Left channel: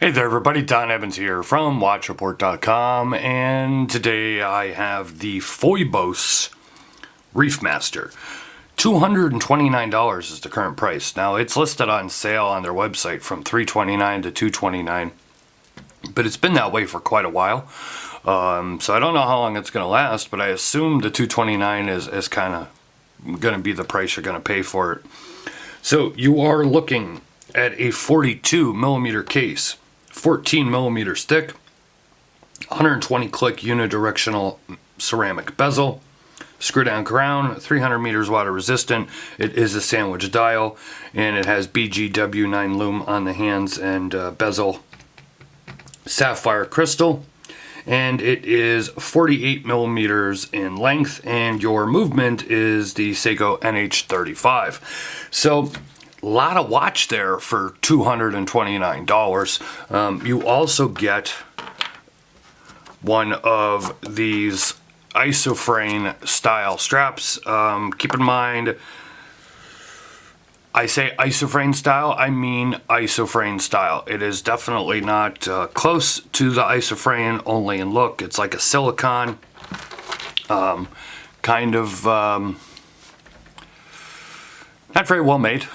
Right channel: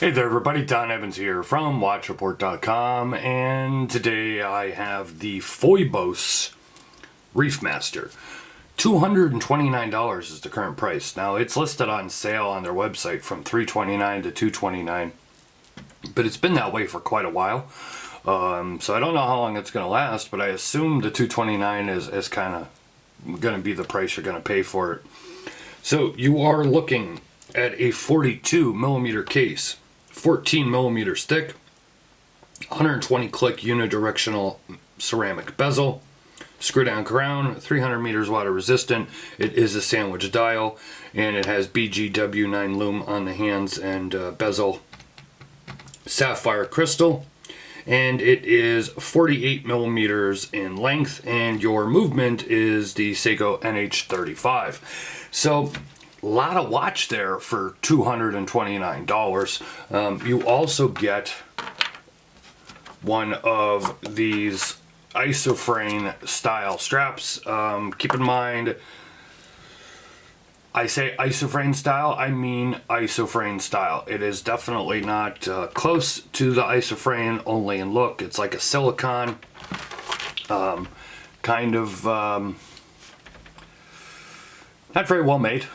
Hey there everybody, Don Evans here from WatchReport.com, and today I have the Phoibos Reef Master. $229 is the current price. Now it's listed on sale on their website from $329 to $229, but it's been that way for quite a while. So I don't know how long it's going to last, but I assume the $229 is kind of going to be the price you're going to pay for it. So you are looking at a 42 millimeter case, 14 millimeters thick, 120 click unidirectional ceramic bezel, screw down crown, 300 meters water resistant. It is a sandwich dial, and it has BGW9 lume on the hands and bezel, sapphire crystal, and it is 48 millimeters in length, and your movement is the Seiko NH35. So a lot of watch there for $229. You also get one of these isofrane style straps. Keep in mind, I say isofrane style, I mean isofrane style. It is definitely not close to the isofrane, only in look. It's like a silicone, kind of not very well made.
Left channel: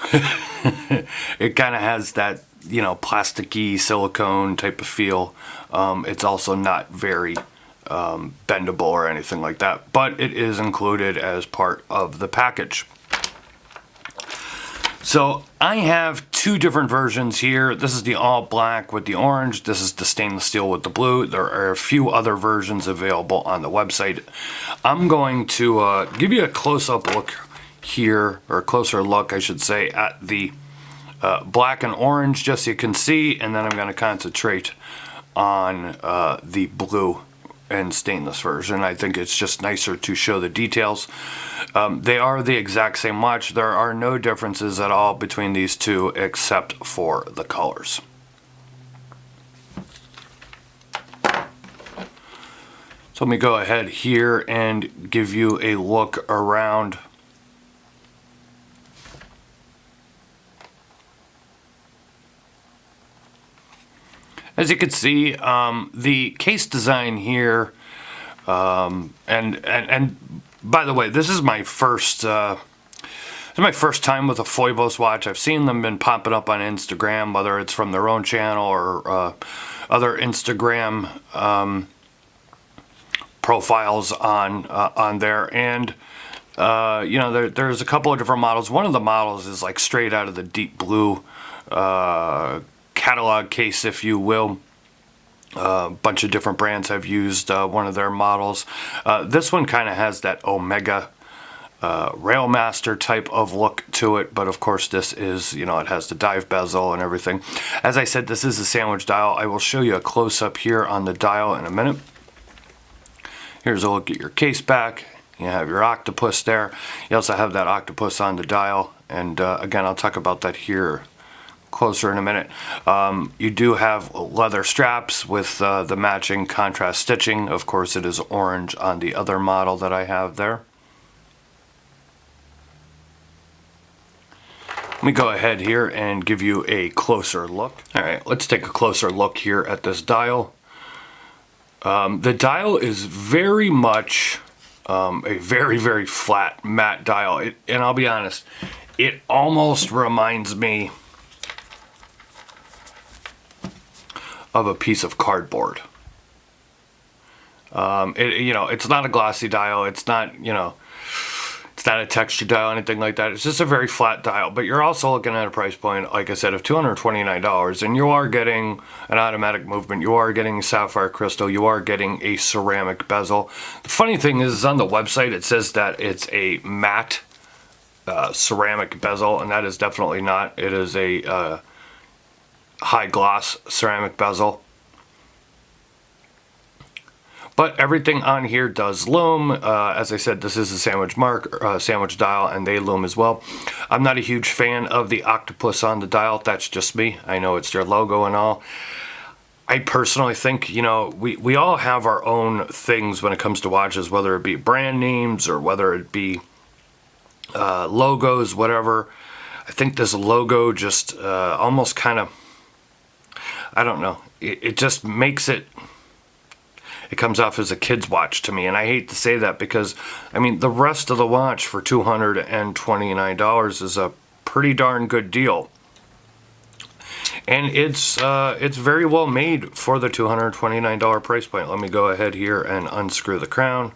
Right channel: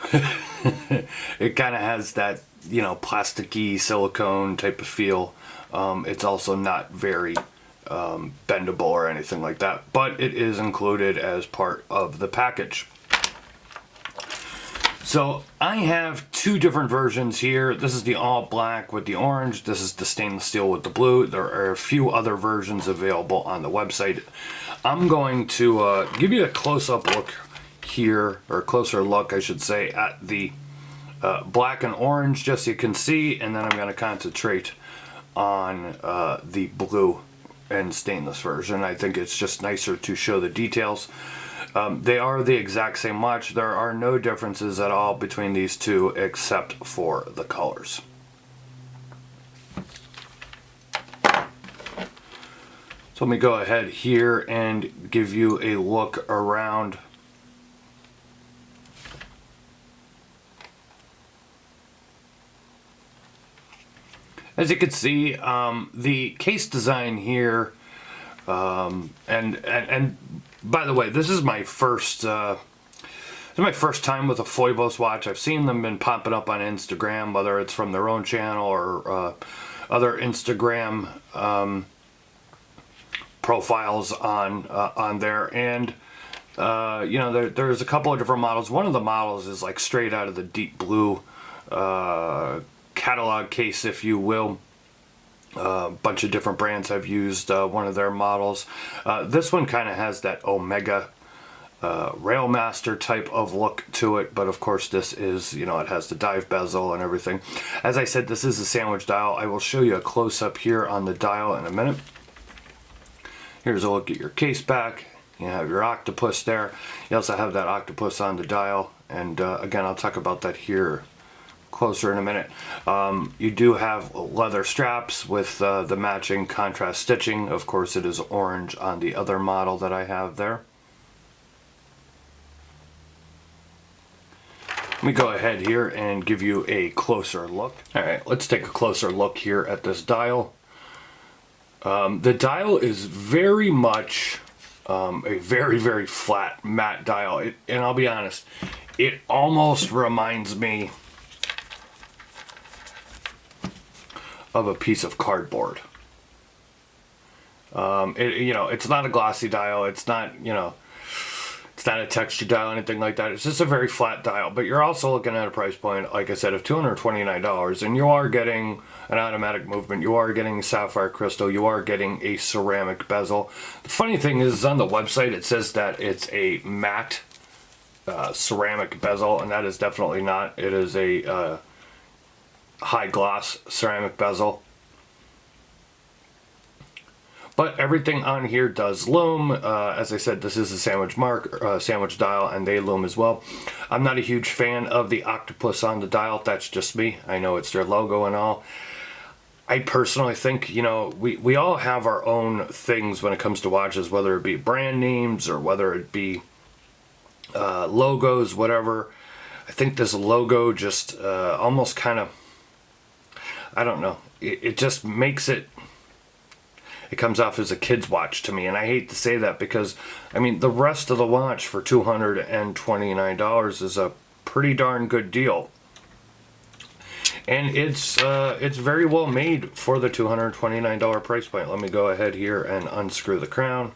It kind of has that, you know, plasticky silicone type of feel. It's also not very bendable or anything like that, but it is included as part of the package. So I have two different versions here. This is the all black with the orange. This is the stainless steel with the blue. There are a few other versions available on the website. I'm going to give you a close-up look here, or a closer look I should say, at the black and orange, just so you can see, and then I'm going to concentrate on the blue and stainless version. I think it's just nicer to show the details. They are the exact same watch. There are no differences at all between these two except for the colors. So let me go ahead here and give you a look around. As you can see, the case design here, and by the way, this is my first time with a Phoibos watch. I've seen them been popping up on Instagram, whether it's from their own channel or other Instagram profiles on there, and you know, there's a couple of different models. One of the models is like straight out of the deep blue catalog case, if you will. A bunch of different brands have used one of their models. This one kind of has that Omega Railmaster type of look to it, but of course this is, you know, it has the dive bezel and everything. As I said, this is a sandwich dial. I will show you a close-up here on the dial in a minute. Here's a look at your case back. You have your octopus there. You also have that octopus on the dial, and again, I'll talk about that here closer in a minute. You do have leather straps with the matching contrast stitching. Of course, it is orange on the other model that I have there. Let me go ahead here and give you a closer look. All right, let's take a closer look here at this dial. The dial is very much a very flat matte dial, and I'll be honest, it almost reminds me of a piece of cardboard. You know, it's not a glossy dial. It's not, you know, it's not a texture dial, anything like that. It's just a very flat dial. But you're also looking at a price point, like I said, of $229, and you are getting an automatic movement. You are getting sapphire crystal. You are getting a ceramic bezel. The funny thing is, on the website, it says that it's a matte ceramic bezel, and that is definitely not. It is a high gloss ceramic bezel, but everything on here does lume. As I said, this is a sandwich dial, and they lume as well. I'm not a huge fan of the octopus on the dial. That's just me. I know it's their logo and all. I personally think, you know, we all have our own things when it comes to watches, whether it be brand names or whether it be logos, whatever. I think this logo just almost kind of, I don't know. It just makes it comes off as a kid's watch to me. And I hate to say that because, I mean, the rest of the watch for $229 is a pretty darn good deal. And it's very well made for the $229 price point. Let me go ahead here and unscrew the crown.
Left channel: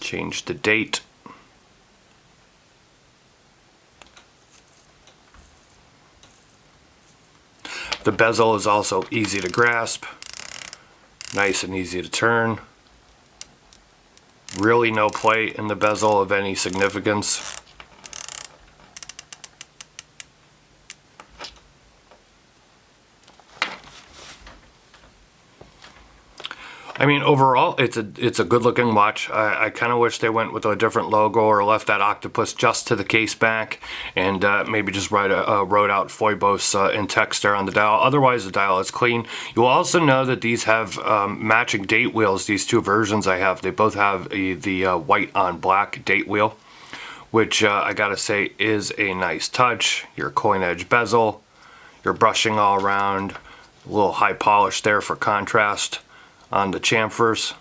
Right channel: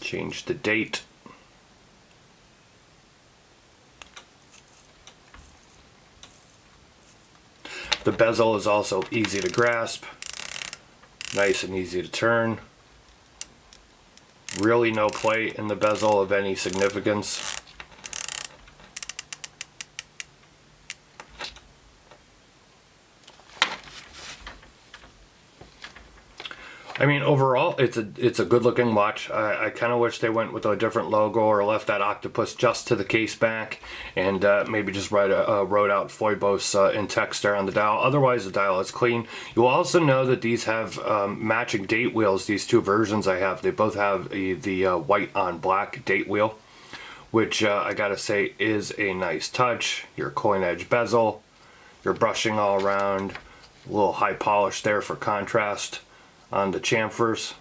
Change the date. The bezel is also easy to grasp, nice and easy to turn. Really no play in the bezel of any significance. I mean, overall, it's a good looking watch. I kind of wish they went with a different logo or left that octopus just to the case back, and maybe just wrote out Phoibos in text there on the dial. Otherwise, the dial is clean. You will also know that these have matching date wheels. These two versions I have, they both have the white on black date wheel, which I gotta say is a nice touch. Your coin edge bezel, your brushing all around, a little high polish there for contrast on the chamfers.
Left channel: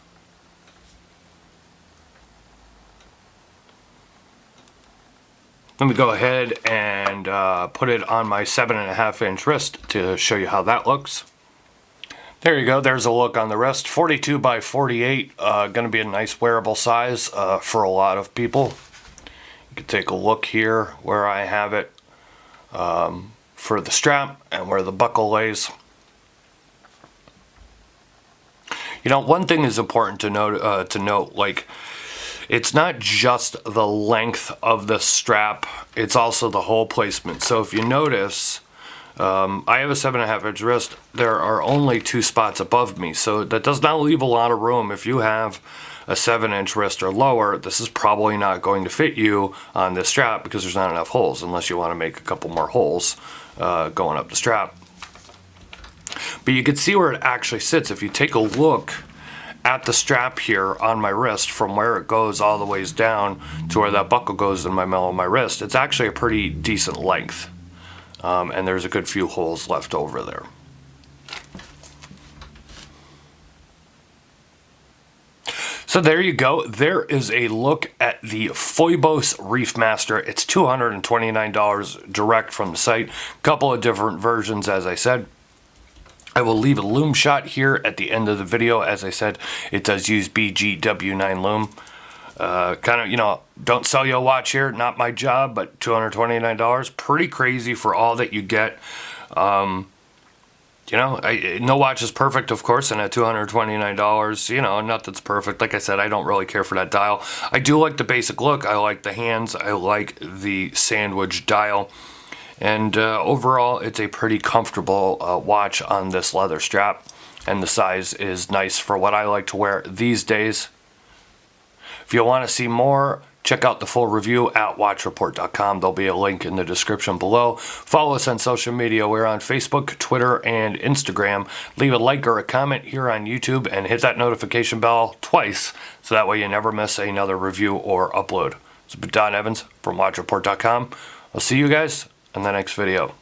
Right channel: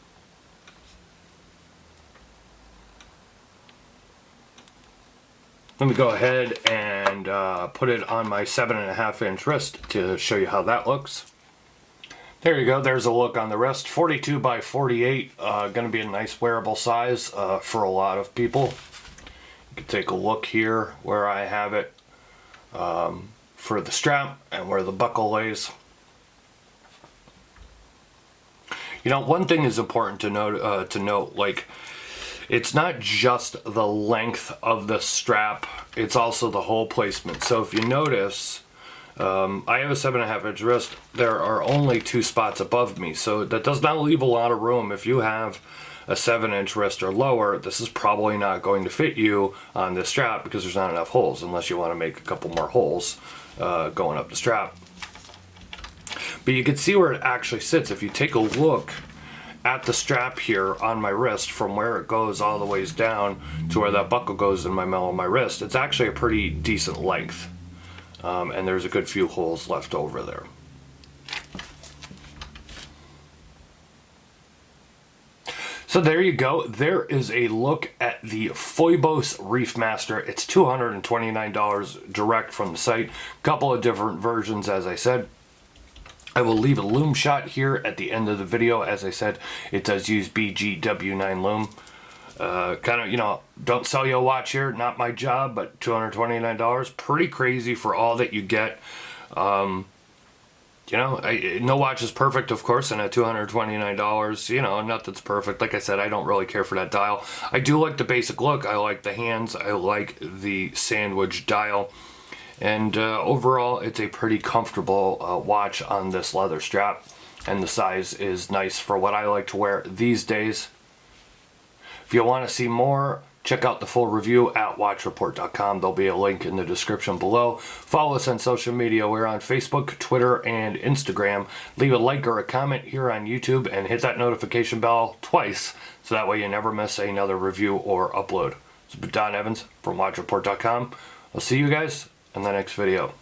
Let me go ahead and put it on my 7.5-inch wrist to show you how that looks. There you go, there's a look on the wrist. 42 by 48, gonna be a nice wearable size for a lot of people. You can take a look here where I have it for the strap and where the buckle lays. You know, one thing is important to note, like, it's not just the length of the strap, it's also the hole placement. So if you notice, I have a 7.5-inch wrist. There are only 2 spots above me, so that does not leave a lot of room. If you have a 7-inch wrist or lower, this is probably not going to fit you on this strap because there's not enough holes, unless you want to make a couple more holes going up the strap. But you can see where it actually sits. If you take a look at the strap here on my wrist, from where it goes all the ways down to where that buckle goes in my middle of my wrist, it's actually a pretty decent length. And there's a good few holes left over there. So there you go. There is a look at the Phoibos Reef Master. It's $229 direct from the site. Couple of different versions, as I said. I will leave a loom shot here at the end of the video. As I said, it does use BGW9 loom. Kind of, you know, don't sell you a watch here, not my job, but $229, pretty crazy for all that you get. You know, no watch is perfect, of course, and at $229, you know, nothing's perfect. Like I said, I don't really care for that dial. I do like the basic look. I like the hands. I like the sandwich dial. And overall, it's a pretty comfortable watch on this leather strap, and the size is nice for what I like to wear these days. If you want to see more, check out the full review at watchreport.com. There'll be a link in the description below. Follow us on social media. We're on Facebook, Twitter, and Instagram. Leave a like or a comment here on YouTube and hit that notification bell twice, so that way you never miss another review or upload. It's been Don Evans from watchreport.com. I'll see you guys in the next video.